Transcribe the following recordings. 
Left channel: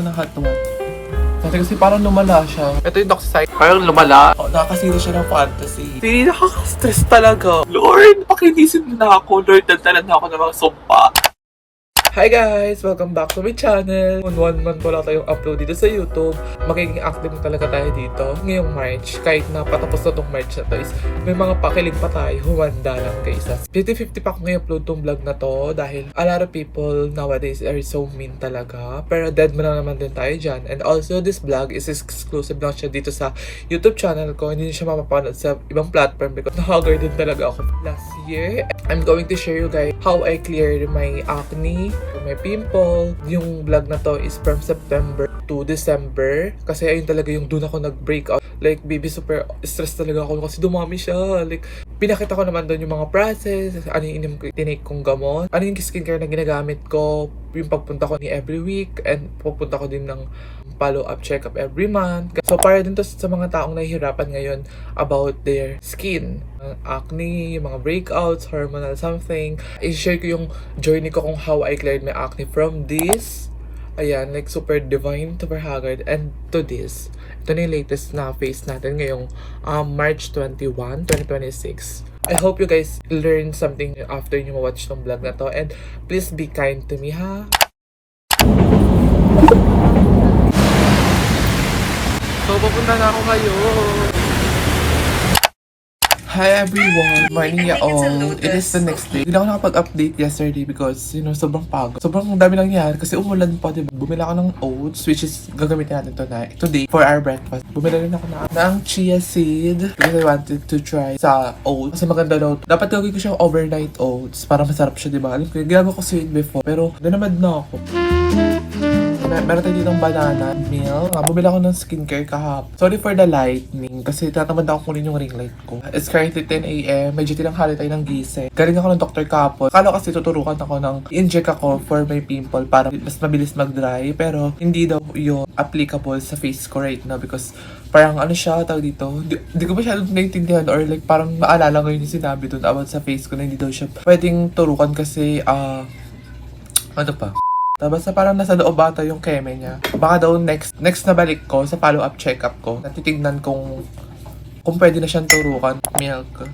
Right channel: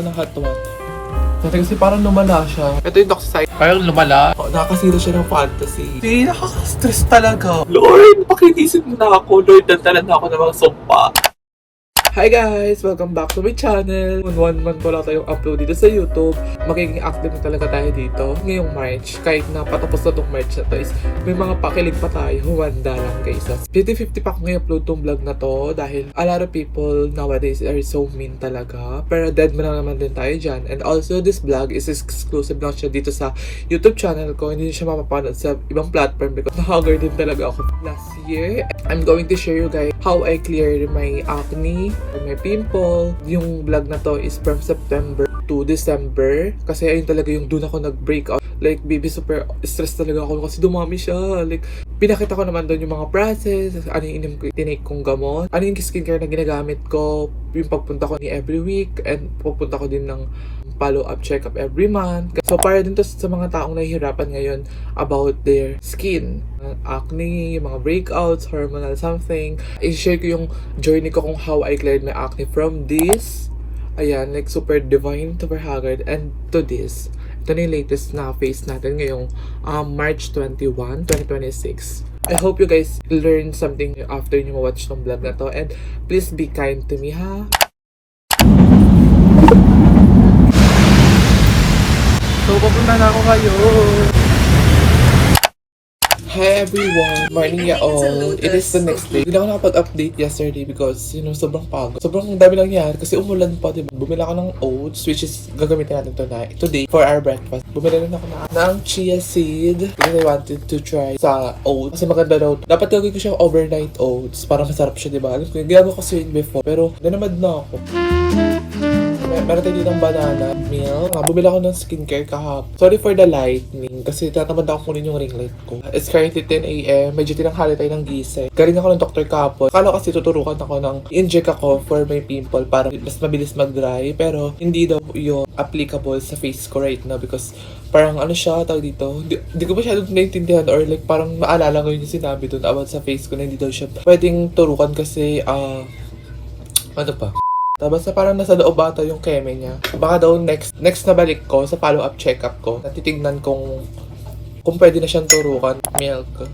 ng hot one. Dati kasi parang lumala siya. Ito yung doxycycline. Parang lumala. Nakakasira siya ng fantasy. Hindi, nakaka-stress talaga. Lord, pakinisip mo na ako. Lord, dandalan na ako ng mga sumpa. Hi guys! Welcome back to my channel. 1 month wala tayong upload dito sa YouTube. Magiging active na talaga tayo dito ngayong March. Kahit na patapos na itong March na to is may mga pakilig pa tayo. Huwanda lang guys. 50-50 pa ako ngayon upload tong vlog na to dahil a lot of people nowadays are so mean talaga. Pero dead mo lang naman din tayo dyan. And also this vlog is exclusive lang siya dito sa YouTube channel ko. Hindi siya mapapanood sa ibang platform because na-hugger din talaga ako last year. I'm going to share you guys how I cleared my acne, may pimple. Yung vlog na to is from September to December. Kasi ayun talaga yung doon ako nag-break out. Like, baby, super stress talaga ako kasi dumami siya. Like, pinakita ko naman doon yung mga process, ano yung tinake kong gamot, ano yung skincare na ginagamit ko, yung pagpunta ko ni every week, and pupunta ko din ng follow-up check-up every month. So, para din to sa mga taong nahihirapan ngayon about their skin. Acne, yung mga breakouts, hormonal something. I-share ko yung journey ko kung how I cleared my acne from this. Ayan, like super divine, super haggard, and to this. Ito na yung latest na face natin ngayong March 21, 2026. I hope you guys learn something after nyo ma-watch tong vlog na to. And please be kind to me, ha? So, papunta na ako kayo. Hi everyone! Morning ya all! It is the next day. Hindi ako nakapag-update yesterday because, you know, sobrang pagod. Sobrang dami lang nangyari kasi umulan pa, diba? Bumila ako ng oats, which is gagamitin natin today for our breakfast. Bumila rin ako ng chia seed because I wanted to try sa oats. Kasi maganda daw. Dapat gagawin ko siyang overnight oats para masarap siya, diba? Alam ko, ginagawa ko siya before. Pero, dinamad na ako. Meron tayo ditong banana milk. Bumili ako ng skincare kahapon. Sorry for the lightning kasi tatamad ako kunin yung ring light ko. It's currently 10 a.m. Medyo tinanghali tayo ng gising. Galing ako ng doktor kahapon. Kala kasi tuturukan ako ng inject ako for my pimple para mas mabilis mag-dry. Pero hindi daw yung applicable sa face ko right now because parang ano siya, tawag dito. Hindi ko masyadong naiintindihan or like parang maalala ko yung sinabi dun about sa face ko na hindi daw siya pwedeng turukan kasi ano pa? Tapos parang nasa loob ata yung keme niya. Baka daw next na balik ko sa follow-up check-up ko, natitignan kung pwede na siyang turukan. Milk.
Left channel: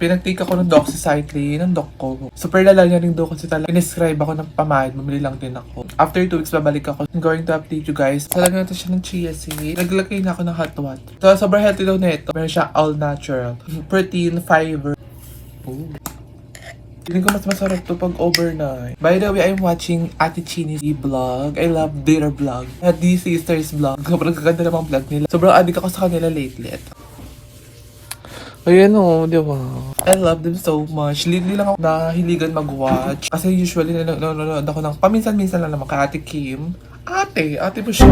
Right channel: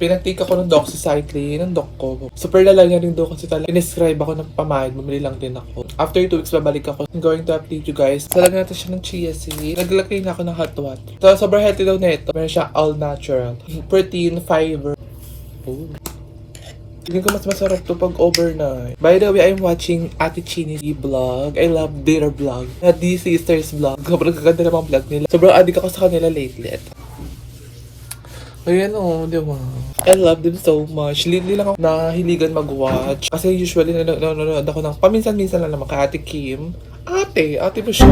Pinag-take ako ng doxycycline ng doc ko. Super lalagyan rin daw kasi talaga. Pinescribe ako ng pamahid, bumili lang din ako. After 2 weeks, babalik ako. I'm going to update you guys. Talaga natin siya ng chia seed. Naglagay na ako ng hot water. So, sobrang healthy daw na ito. Meron siya all natural. Protein, fiber. Oh. Feeling ko mas masarap to pag overnight. By the way, I'm watching Ate Chini's vlog. I love their vlog. The Sisters vlog. Sobrang gaganda namang vlog nila. Sobrang addict ako sa kanila lately. Ayan o, di ba? I love them so much. Lately lang ako nahiligan mag-watch. Kasi usually nanonood ako ng paminsan-minsan lang naman kay Ate Kim. Ate mo siya.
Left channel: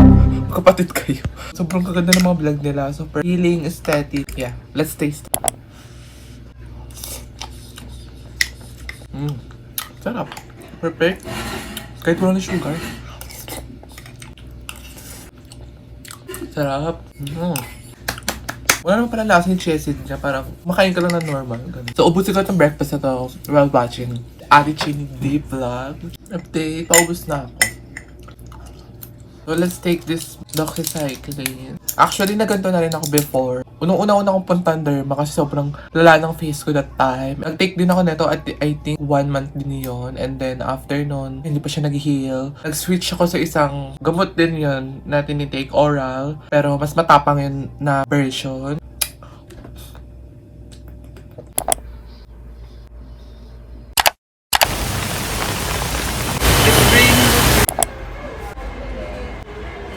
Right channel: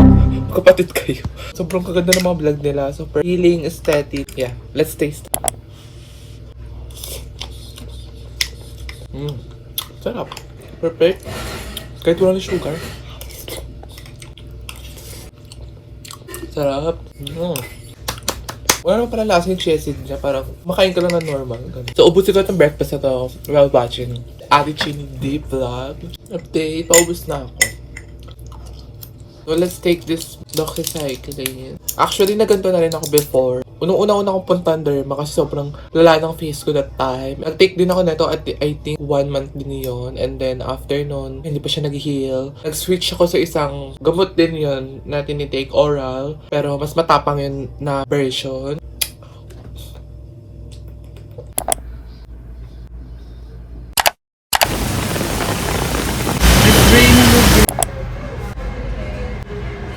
Kapatid kayo. Sobrang kaganda ng mga vlog nila. Super healing, aesthetic. Yeah, let's taste it. Sarap. Perfect. Kahit wala na sugar. Sarap. Wala naman pala lasa yung chia seed niya. Parang makain ka lang na normal. Ganun. So, ubusin ko itong breakfast na to while watching Ate Chini Deep Vlog. Update. Paubos na ako. So, let's take this doxycycline. Actually, naganto na rin ako before. Unang-una akong puntan derma kasi sobrang lala ng face ko that time. Nag-take din ako nito at I think 1 month din yun. And then after nun, hindi pa siya nag-heal. Nag-switch ako sa isang gamot din yun na tinitake oral. Pero mas matapang yun na version. It's raining.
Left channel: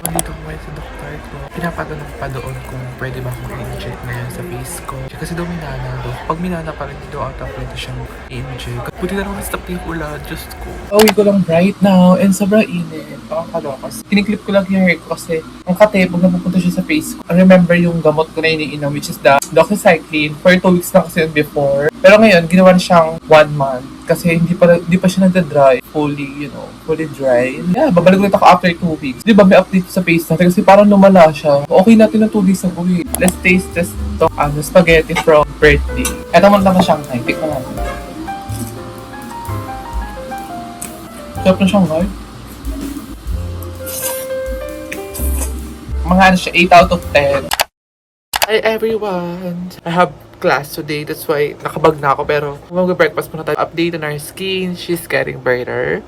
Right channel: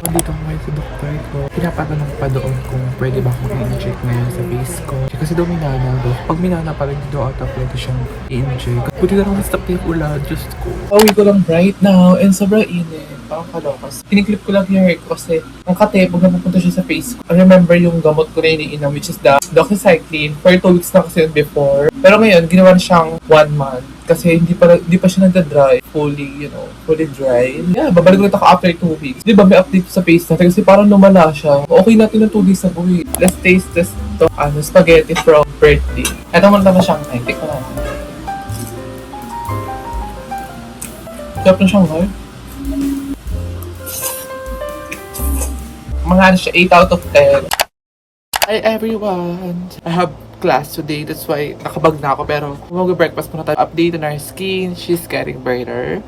Dito ako ngayon sa doktor ko. Pinapatanong pa doon kung pwede ba akong i-inject ngayon sa face ko. Kasi daw minana daw. Pag minana pa rin daw ata pwede siyang i-inject. Buti na lang stop na yung ulan. Diyos ko. Pauwi ko lang right now and sobrang init. Pakakalokas. Kiniklip ko lang yung hair ko kasi ang kate pag napupunta siya sa face ko. I remember yung gamot ko na iniinom which is the doxycycline. For 2 weeks na kasi yun before. Pero ngayon, ginawa na siyang 1 month. Kasi hindi pa siya nagda-dry. Fully dry. Yeah, babalik ulit ako after 2 weeks. Di ba may update sa face natin kasi parang lumala siya. Okay natin na 2 days ago eh. Let's taste this spaghetti from birthday. Ito muna na Shanghai. Tikman natin. Sarap na Shanghai. mga ano siya, 8 out of 10. Hi everyone! I have class today, that's why nakabag na ako. Pero kung mag-breakfast muna tayo, update on our skin, she's getting brighter.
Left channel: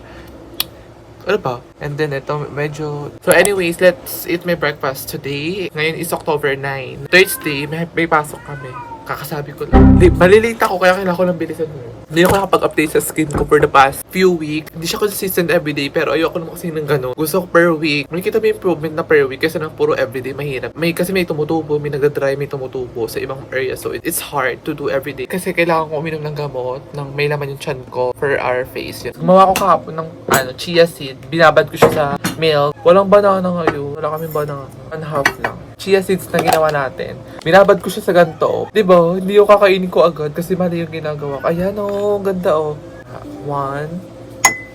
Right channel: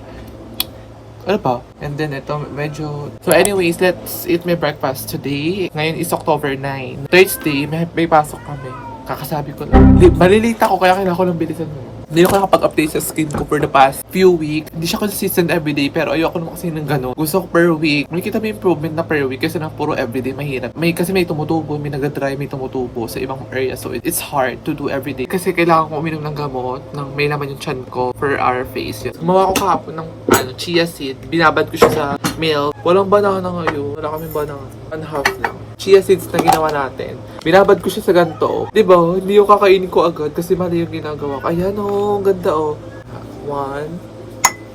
Ano pa? And then ito, medyo... So anyways, let's eat my breakfast today. Ngayon is October 9. Thursday, may pasok kami. Kakasabi ko lang. Malilate ako, kaya kailangan ko lang bilisan mo. Hindi ako nakapag-update sa skin ko for the past few weeks. Hindi siya consistent everyday, pero ayoko naman kasi ng gano'n. Gusto ko per week. Makikita mo improvement na per week kasi na puro everyday mahirap. Kasi may tumutubo, may nagda-dry, may tumutubo sa ibang area. So it's hard to do everyday. Kasi kailangan ko uminom ng gamot, ng may laman yung chan ko for our face. Yun. Gumawa ko kahapon ng chia seed. Binabad ko siya sa milk. Walang banana ngayon. Wala kaming banana. 1/2 lang. Chia seeds na ginawa natin. Binabad ko siya sa ganito. Diba? Hindi yung kakainin ko agad kasi mali yung ginagawa ko. Ayan ang ganda 1,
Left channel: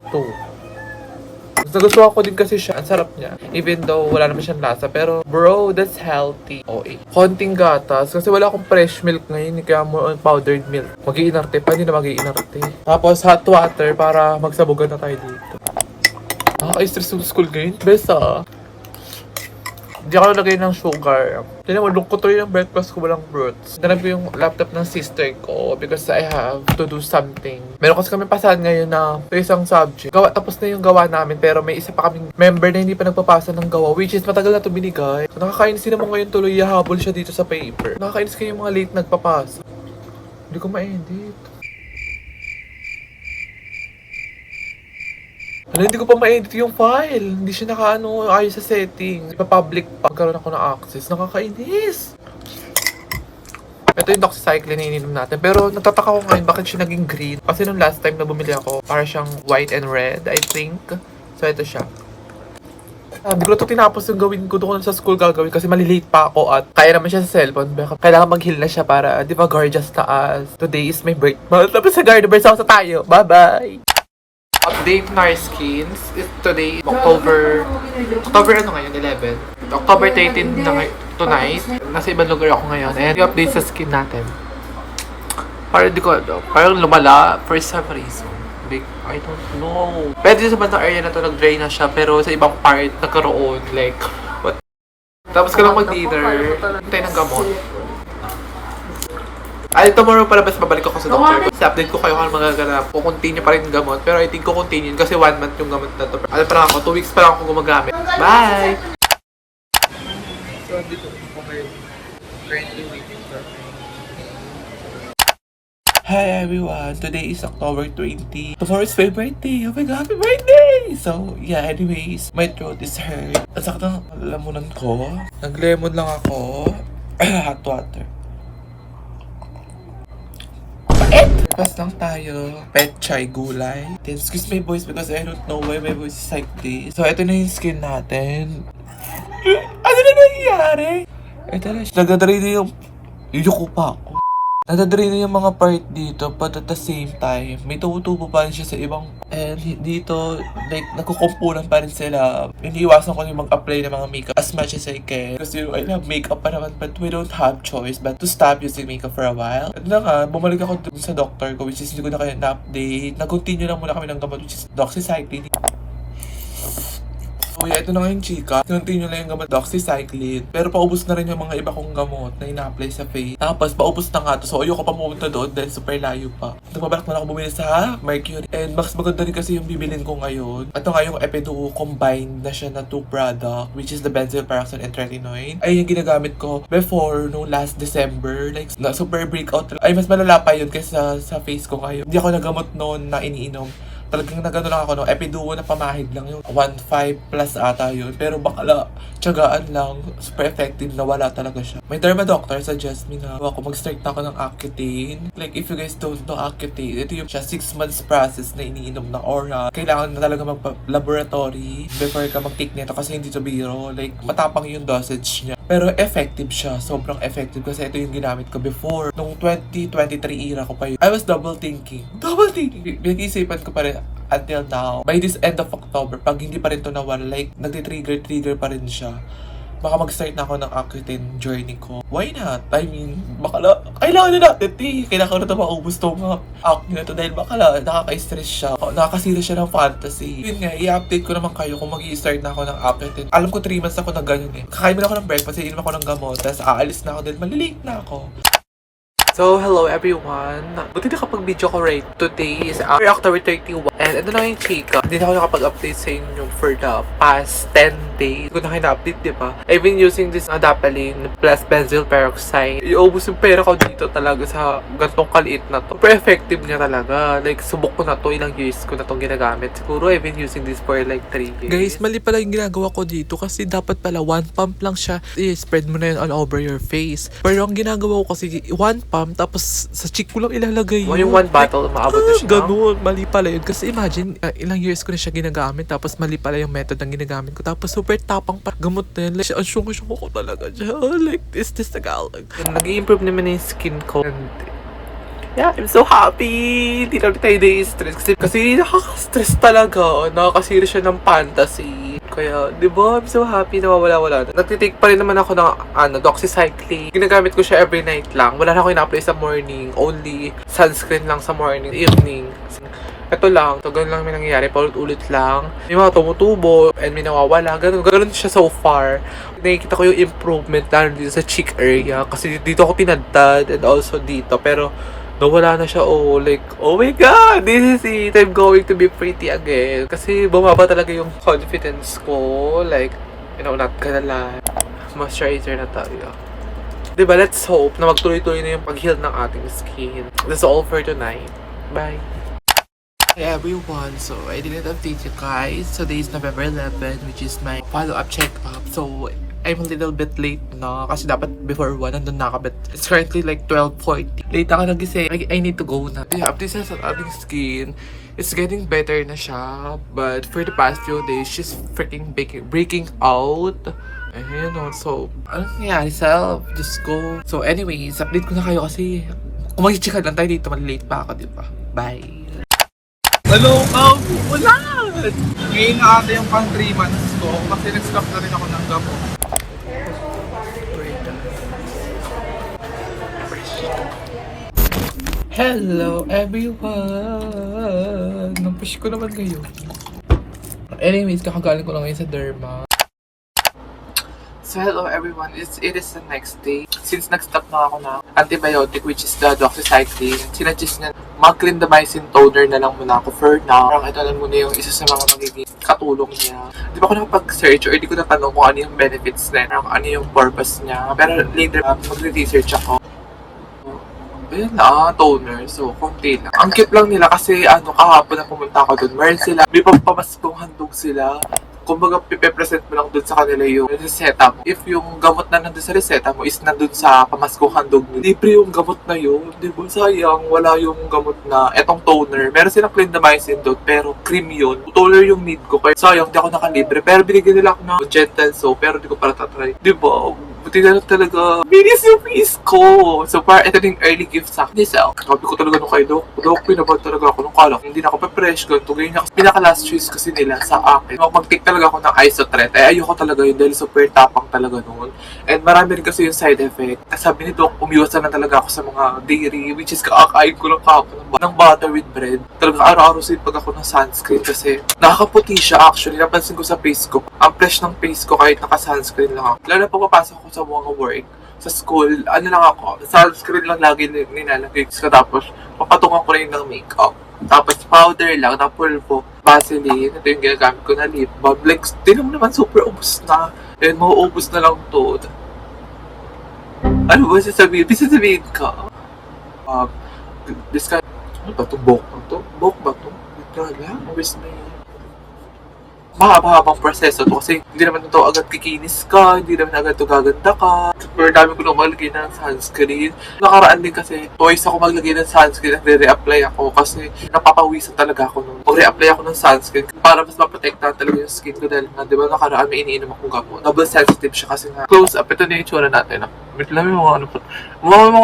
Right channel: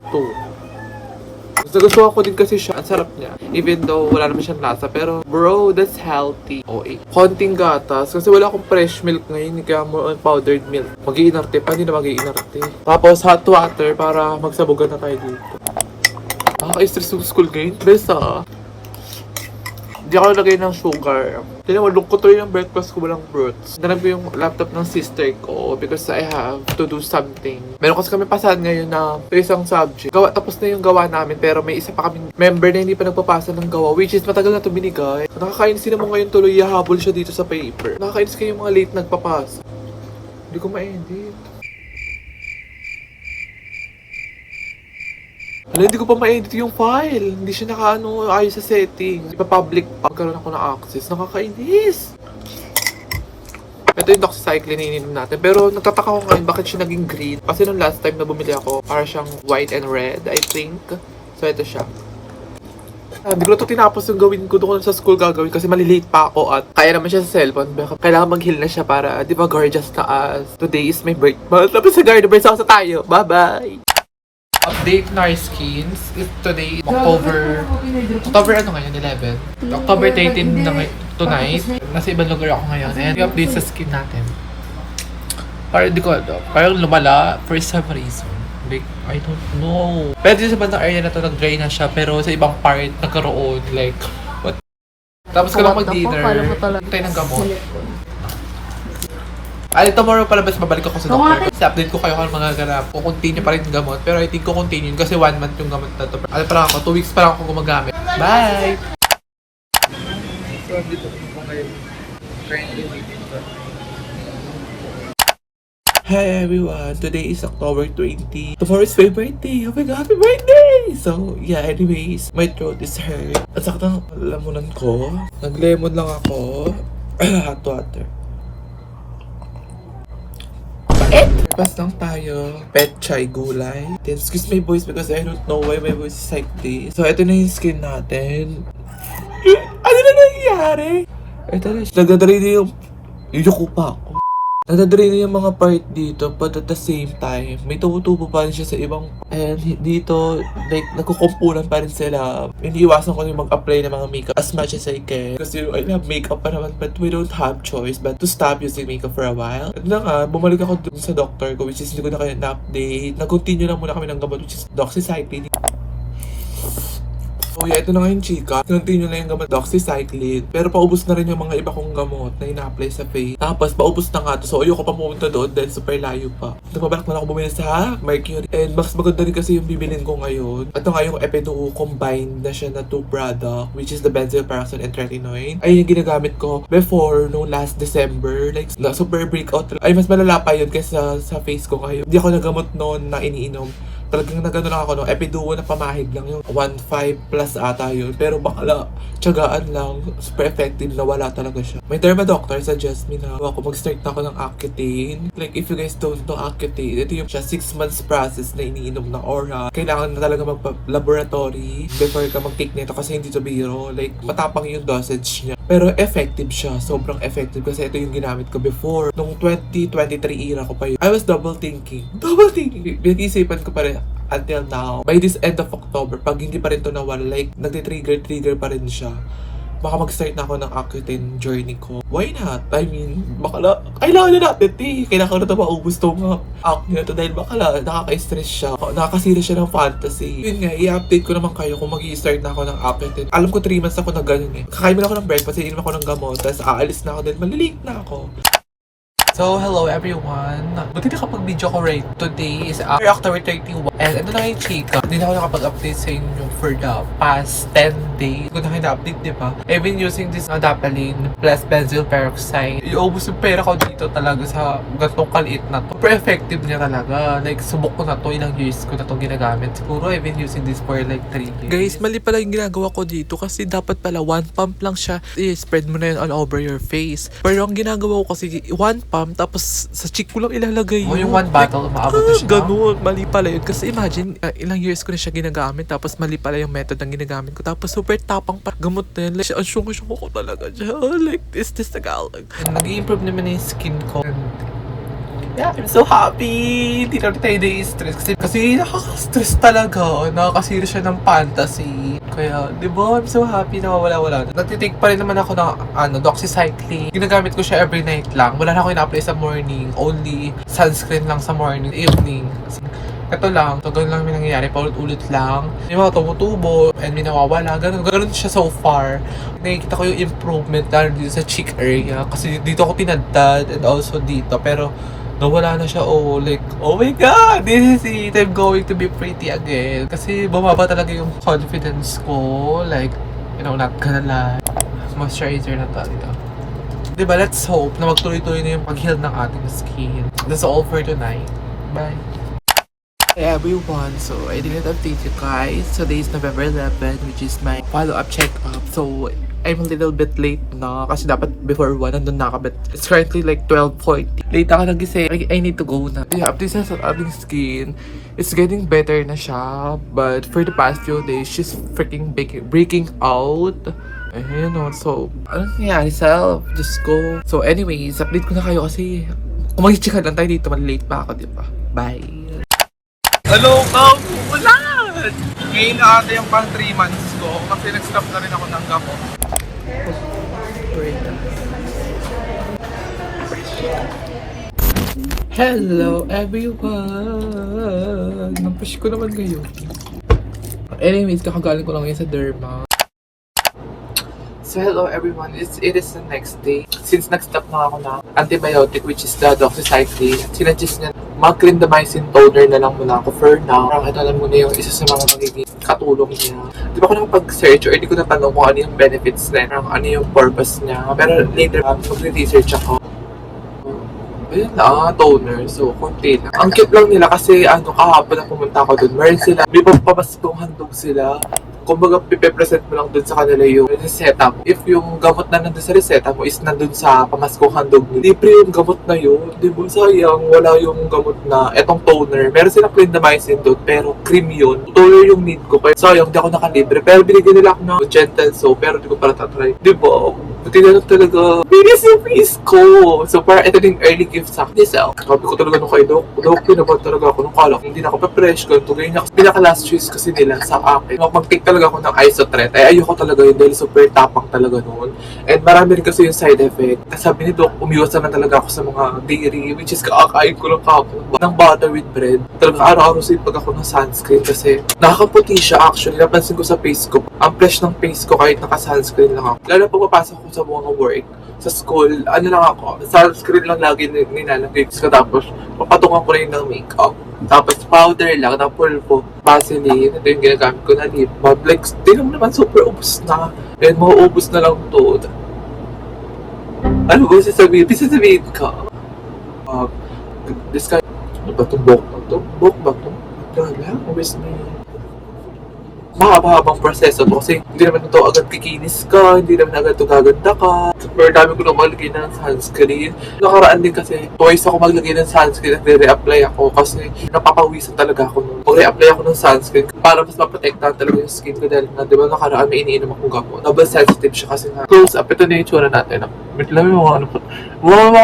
2. Nagustuhan ko din kasi siya. Ang sarap niya. Even though wala naman siyang lasa. Pero bro, that's healthy. Konting gatas. Kasi wala akong fresh milk ngayon. Kaya more on powdered milk. Mag-iinarte pa. Hindi na mag-iinarte. Tapos hot water para magsabugan na tayo dito. Nakaka-stress yung school ngayon. Besa. Hindi ako lagay ng sugar. Tinan mo, lungkot to yung breakfast ko, walang fruits. Nanap ko yung laptop ng sister ko because I have to do something. Meron kasi kami pasahan ngayon na sa isang subject. Tapos na yung gawa namin pero may isa pa kaming member na hindi pa nagpapasa ng gawa, which is matagal na to binigay. Nakakainis din naman ngayon tuloy yahabol siya dito sa paper. Nakakainis kayo yung mga late nagpapasa. Hindi ko ma-edit. Hindi ko pa ma-edit yung file. Hindi siya ayos sa settings. Ipa-public pa. Magkaroon ako ng access. Nakakainis. Ito yung doxycycline na ininom natin. Pero nagtataka ko ngayon bakit siya naging green. Kasi nung last time na bumili ako, para siyang white and red, I think. So ito siya. Hindi ko ito tinapos yung gawin ko doon sa school gagawin kasi malilate pa ako at kaya naman siya sa cellphone. Kailangan mag-heal na siya para, di ba, gorgeous na as. Today is my birthday. Tapos sa Gardener's House tayo. Bye-bye! Update on our skins. Today, October ano ngayon? 11. October 13 na tonight. Nasa ibang lugar ako ngayon. And update sa skin natin. Parang di ko alam. Parang lumala for some reason. Like, I don't know. Pwede sa bandang area na to nag-dry na siya. Pero sa ibang part, nagkaroon. Like, what? Tapos ka lang mag-dinner. Hintay ng gamot. Tomorrow palabas babalik ako sa doctor. Kasi update ko kayo kung magaganap. Kukontinue pa rin yung gamot. Pero I think kukontinue kasi 1 month yung gamot na to. Ano pa lang ako, 2 weeks pa lang ako gumagamit. Bye! So, dito ako ngayon. Currently waiting for my... Hi everyone! Today is October 20. Tomorrow is my birthday! Oh my god, happy birthday! So, yeah, anyways, my throat is hurt. At sakit ng lamunan ko. Nag-lemon lang ako. Hot water. Pas lang tayo. Pet chai gulay. Then, excuse my voice because I don't know why my voice is like this. So, ito na yung skin natin. Ano na nangyayari? Ito na siya. Nagdadry na yung... Yuko pa ako. Nagdadry na yung mga part dito but at the same time, may tumutubo pa rin siya sa ibang... And dito, like, nagkukumpunan pa rin sila. Iniiwasan ko yung mag-apply ng mga makeup as much as I can. Kasi I have makeup pa naman but we don't have choice but to stop using makeup for a while. At na nga, bumalik ako dun sa doctor ko which is hindi ko na kaya na-update. Nag-continue lang muna kami ng gamot which is doxycycline. So yeah, ito na nga yung chika. Continue lang yung gamot doxycycline. Pero paubos na rin yung mga iba kong gamot na ina-apply sa face. Tapos paubos na nga to. So ayoko pa pumunta doon dahil super layo pa. Nagpabalak na lang ako bumili sa Mercury. And mas maganda rin kasi yung bibilin ko ngayon. Ito nga yung Epiduo combined na siya na 2 product which is the benzoyl peroxide and tretinoin. Ay yung ginagamit ko before no last December. Like na super breakout. Ay mas malala pa yun kaysa sa face ko ngayon. Hindi ako nagamot noon na iniinom. Talagang nagano lang ako no, Epiduo na pamahid lang yung 1.5 plus ata yun. Pero bakala, tiyagaan lang, super effective na wala talaga siya. My derma doctor suggest me na ako mag-start na ako ng Accutane. Like if you guys don't know Accutane, ito yung siya 6 months process na iniinom na oral. Kailangan na talaga magpa-laboratory before ka mag-take nito kasi hindi to biro. Like matapang yung dosage niya. Pero effective siya, sobrang effective kasi ito yung ginamit ko before. Nung 2023 era ko pa yun. I was double thinking. Pinag-isipan ko pa rin until now. By this end of October, pag hindi pa rin to nawala, like nagti-trigger pa rin siya. baka mag-start na ako ng Accutane journey ko. Why not? I mean, baka kailangan na natin, kailangan ko na ito maubos itong acne na to dahil baka nakaka-stress siya. Nakakasira siya ng fantasy. Yun nga, i-update ko naman kayo kung mag-i-start na ako ng Accutane. Alam ko 3 months ako na ganun eh. Kakain mo na ako ng breakfast, iinom ako ng gamot, tapos aalis na ako dahil malilate na ako. So, hello everyone. Buti nakapag-video ko right. Today is October 31. And ano na yung chika? Hindi na ako nakapag-update sa inyo for the past 10 days. Kung na kayo na-update, di ba? I've been using this Adapalene plus benzyl peroxide. Iubos yung pera ko dito talaga sa gantong kaliit na to. Super effective niya talaga. Like, subok ko na to. Ilang years ko na itong ginagamit. Siguro I've been using this for like 3 years. Guys, mali pala yung ginagawa ko dito kasi dapat pala 1 pump lang siya. I-spread mo na yun all over your face. Pero ang ginagawa ko kasi 1 pump tapos sa cheek ko lang ilalagay yun. Yung 1 bottle, maabot na siya. Ganun, mali pala yun. Kasi imagine, ilang years ko na siya ginagamit tapos mali pala yung method ng ginagamit ko. Tapos super tapang pa gamot na yun. Like, ang syungo ko talaga siya. Like, this Tagalog. Nag-i-improve naman yung skin ko. And, yeah, I'm so happy! Hindi na tayo na-stress. Kasi nakaka-stress talaga. Nakakasira siya ng fantasy. Kaya, di ba? I'm so happy na wala-wala na. Natitake pa rin naman ako ng doxycycline. Ginagamit ko siya every night lang. Wala na ako ina-apply sa morning. Only sunscreen lang sa morning, evening. Kasi, ito lang. Ito ganun lang may nangyayari. Paulit-ulit lang. May mga tumutubo and may nawawala. Ganun siya so far. Nakikita ko yung improvement lalo dito sa cheek area. Kasi dito ako tinadtad and also dito. Pero, nawala na siya, like, oh my god, this is it, I'm going to be pretty again. Kasi bumaba talaga yung confidence ko, like, you know, not gonna lie. Moisturizer na tayo. Diba, let's hope na magtuloy-tuloy na yung pag-heal ng ating skin. That's all for tonight. Bye. Hey everyone, so I didn't update you guys. Today is November 11, which is my follow-up check-up. So, I'm a little bit late na kasi dapat before 1 nandun na ako, but it's currently like 12:40. Late ako nagising. I need to go na. Yeah, update sa ating skin. It's getting better na siya, but for the past few days, she's freaking breaking out. You know, so, ano nangyayari self? Just go. So anyways, update ko na kayo kasi kung mag-check lang tayo dito, malilate pa ako, diba? Bye! Hello, ulan! Ngayon na ata yung pang 3 months ko kasi nag-stop na rin ako ng gamot. Hello everyone! Napush ko naman kayo. Anyways, kakagaling ko lang ngayon sa derma. So hello everyone, it is the next day. Since nag-stop na ako ng antibiotic which is the doxycycline, sinadjust niya mag-clindamycin toner na lang muna ako for now. Parang ito lang muna yung isa sa mga magiging katulong niya. Di ba ako nakapag-search or di ko natanong kung ano yung benefits na yun, ano yung purpose niya. Pero later, mag-research ako. Ayun na, toner. So, konti lang. Ang cute lang nila kasi kahapon na pumunta ako doon. Meron sila, may pagpamaskong handog sila. Kumbaga, pipe-present mo lang dun sa kanila yung reseta mo. If yung gamot na nandun sa reseta mo is nandun sa pamaskong handog mo, libre yung gamot na yun. Diba? Sayang, wala yung gamot na etong toner. Meron silang clindamycin doon, pero cream yun. Toner yung need ko, kaya sayang, di ako nakalibre. Pero binigyan nila ako ng gentle soap, pero di ko para tatry. Diba? Buti na lang talaga. Bilis yung face ko. So, para ito yung early gift sa akin. Sabi ko talaga nung kay Doc, pinabat talaga ako nung kalak. Hindi na ako pa-fresh, ganito, ganyan. Pinaka-last choice kasi nila sa akin. Mag-take talaga ako ng isotret. Ay, ayoko talaga yun dahil super tapang talaga noon. And marami rin kasi yung side effect. Sabi ni Doc, umiwasan na talaga ako sa mga dairy, which is kakakain ko lang kahapon ng butter with bread. Talaga araw-araw pag ako ng sunscreen kasi nakakaputi siya actually. Napansin ko sa face ko. Ang fresh ng face ko kahit naka-sunscreen lang ako. Lalo pag papasok ko sa mga work, sa school, ano lang ako, sunscreen lang lagi nilalagay ko. Tapos, papatungan ko na yun ng makeup. Tapos, powder lang, na pulpo, Vaseline. Ito yung ginagamit ko na lip balm. Like, di naman super ubos na. And mauubos na lang to. Ano ba sasabihin? Sasabihin ka? This kind, ano ba itong buhok ba ito? Buhok ba ito? Nagkala, ubos na yun. Mahaba-habang proseso to kasi hindi naman ito agad kikinis ka, hindi naman agad ito gaganda ka. Super dami ko na maglagay ng sunscreen. Nakaraan din kasi twice ako maglagay ng sunscreen at re-reapply ako kasi napapawisan talaga ako nung mag-reapply ako ng sunscreen para mas maprotektahan talaga yung skin ko dahil nga, di ba nakaraan may iniinom akong gamot. Double sensitive siya kasi nga. Close up, ito na yung tsura natin. Wait lang yung mga ano po. Mga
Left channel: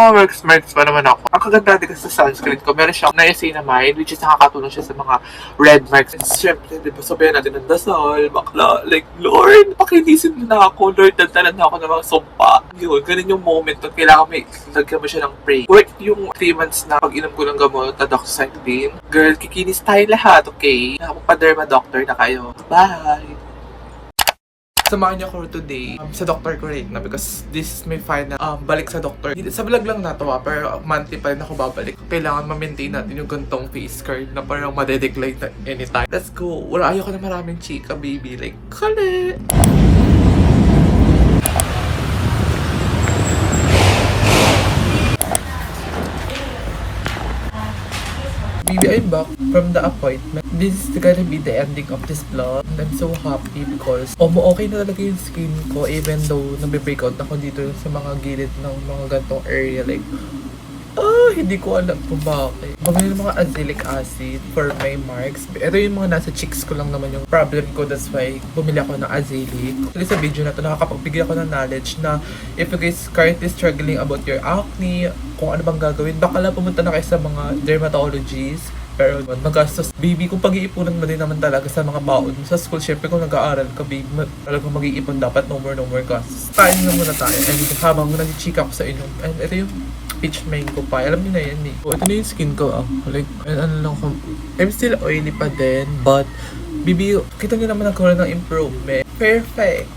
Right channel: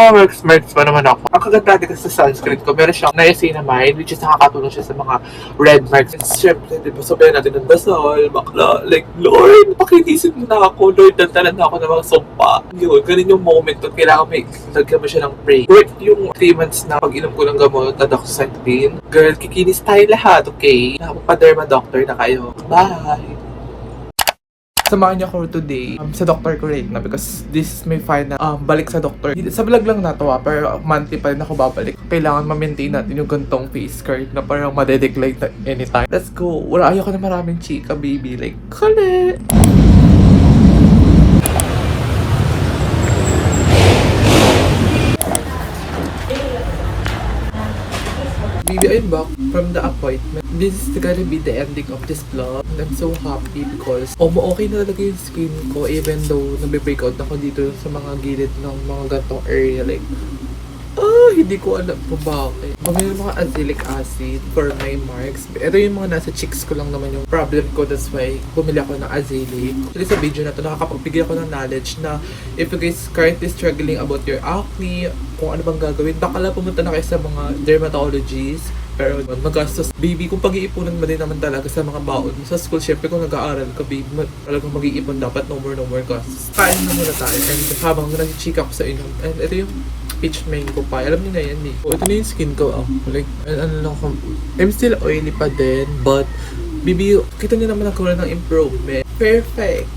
marks pa naman ako. Ang kaganda din kasi sa sunscreen ko, meron siyang niacinamide, which is nakakatulong siya sa mga red marks. And syempre, di ba, sabihan natin ng dasal, bakla, like, Lord, pakilisin mo na ako, Lord, dandalan na ako ng mga sumpa. Yun, ganun yung moment na kailangan may lagyan mo siya ng pray. Worth yung 3 months na pag-inom ko ng gamot na doxycycline. Girl, kikinis tayo lahat, okay? Nakapag-derma doctor na kayo. Bye! Samahan niyo ako today sa doctor ko right na because this is my final balik sa doctor. Sa vlog lang na to pero monthly pa rin ako babalik. Kailangan ma-maintain natin yung gantong face card na parang madedecline na anytime. Let's go! Wala, ayoko na maraming chika, baby. Like, kale! Baby, I'm back from the appointment. This is gonna be the ending of this vlog. And I'm so happy because okay na talaga yung skin ko even though nabe-breakout ako dito sa mga gilid ng mga gantong area. Like, hindi ko alam kung bakit. Bumili ng mga azelaic acid for my marks. Ito yung mga nasa cheeks ko lang naman yung problem ko. That's why bumili ako ng azelaic. Actually sa video na to, nakakapagbigay ako ng knowledge na if you guys currently struggling about your acne, kung ano bang gagawin, baka lang pumunta na kayo sa mga dermatologists. Pero magastos, baby, kung pag-iipunan mo din naman talaga sa mga baon mo sa school, syempre kung nag-aaral ka, baby, talagang mag-iipon dapat no more costs. Kain na muna tayo. And habang nag-chika ko sa inyo, and ito yung peach mango pie. Alam niyo na yan eh. Ito na yung skin ko. Like, ano lang, I'm still oily pa din, but baby, kita niyo naman ako ng improvement. Perfect!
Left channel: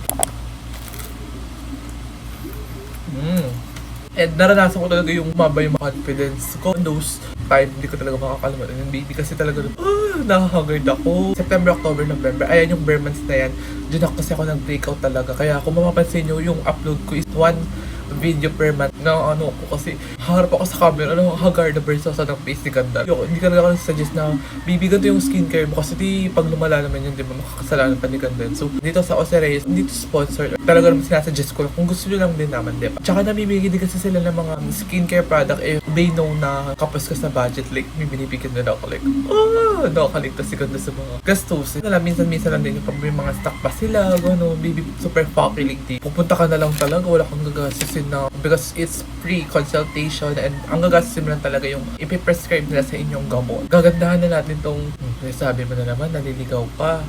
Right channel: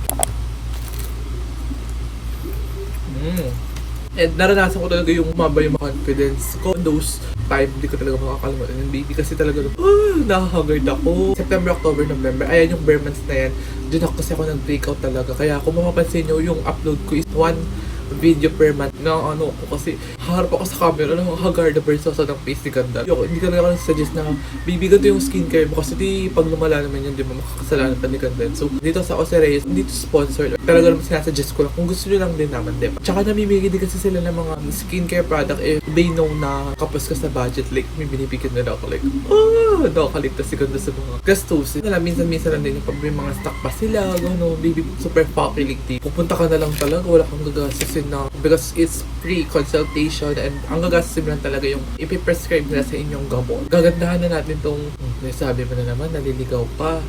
And naranasan ko talaga yung mabay yung confidence ko. Those time, hindi ko talaga makakalimutan yung baby kasi talaga nakakagard ako. September, October, November, ayan yung bare months na yan. Diyan ako kasi ako nag-breakout talaga. Kaya kung mapapansin nyo, yung upload ko is 1 video per month na ano ko kasi harap ako sa camera, nakakagard na versus sa ng face ni Ganda. Hindi ka lang ako nag-suggest na baby, ganito yung skincare mo kasi di pag lumala naman yun, di ba makakasalanan pa ni Ganda. So dito sa Oceres, dito sponsor, talaga naman sinasuggest ko lang kung gusto nyo lang din naman, di ba? Tsaka namimigay din kasi sila ng mga skincare product if they know na kapos ka sa budget, like may binibigyan nila ako like, nakakaligtas si Ganda sa mga gastos. Minsan-minsan lang din pag may mga stock pa sila, baby, super fucking pupunta ka na lang talaga, wala kang gagastusin na because it's free consultation and ang gagastusin lang talaga yung ipiprescribe nila sa inyong gamot. Gagandahan na natin tong sabi mo na naman, naliligaw pa.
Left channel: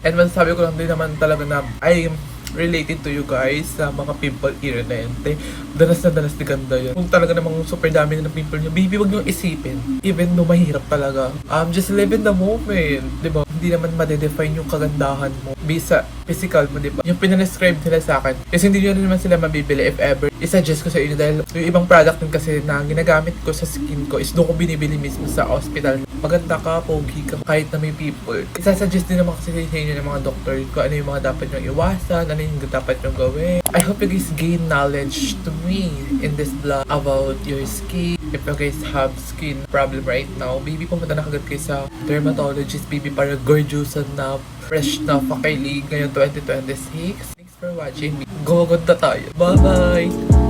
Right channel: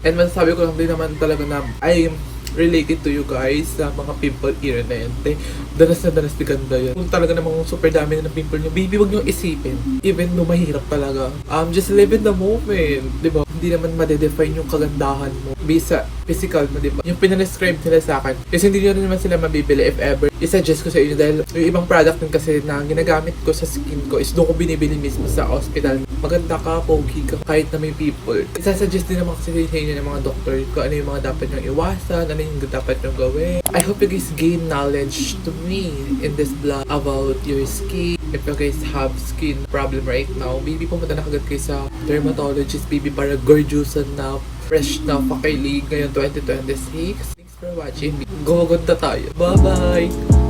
And masasabi ko lang din naman talaga na I'm related to you guys sa mga pimple era na yan. Danas na danas ni Ganda yan. Kung talaga namang super dami na ng pimple nyo, baby, wag nyo isipin. Even though mahirap talaga. Just live in the moment. Diba? Hindi naman madedefine yung kagandahan mo bisa physical mo, diba? Yung pinanascribe nila sa akin. Kasi hindi nyo naman sila mabibili if ever. I-suggest ko sa inyo dahil yung ibang product din kasi na ginagamit ko sa skin ko is doon ko binibili mismo sa hospital. Maganda ka, pogi ka, kahit na may people. Isa-suggest din naman kasi sa inyo ng mga doctor kung ano yung mga dapat nyong iwasan, ano yung dapat nyong gawin. I hope you guys gain knowledge to me in this vlog about your skin. If you guys have skin problem right now, baby, pumunta na kagad kayo sa dermatologist, baby, para gorgeous na, fresh na, pakailig ngayon 2026. Thanks for watching. Go, ganda tayo. Bye-bye!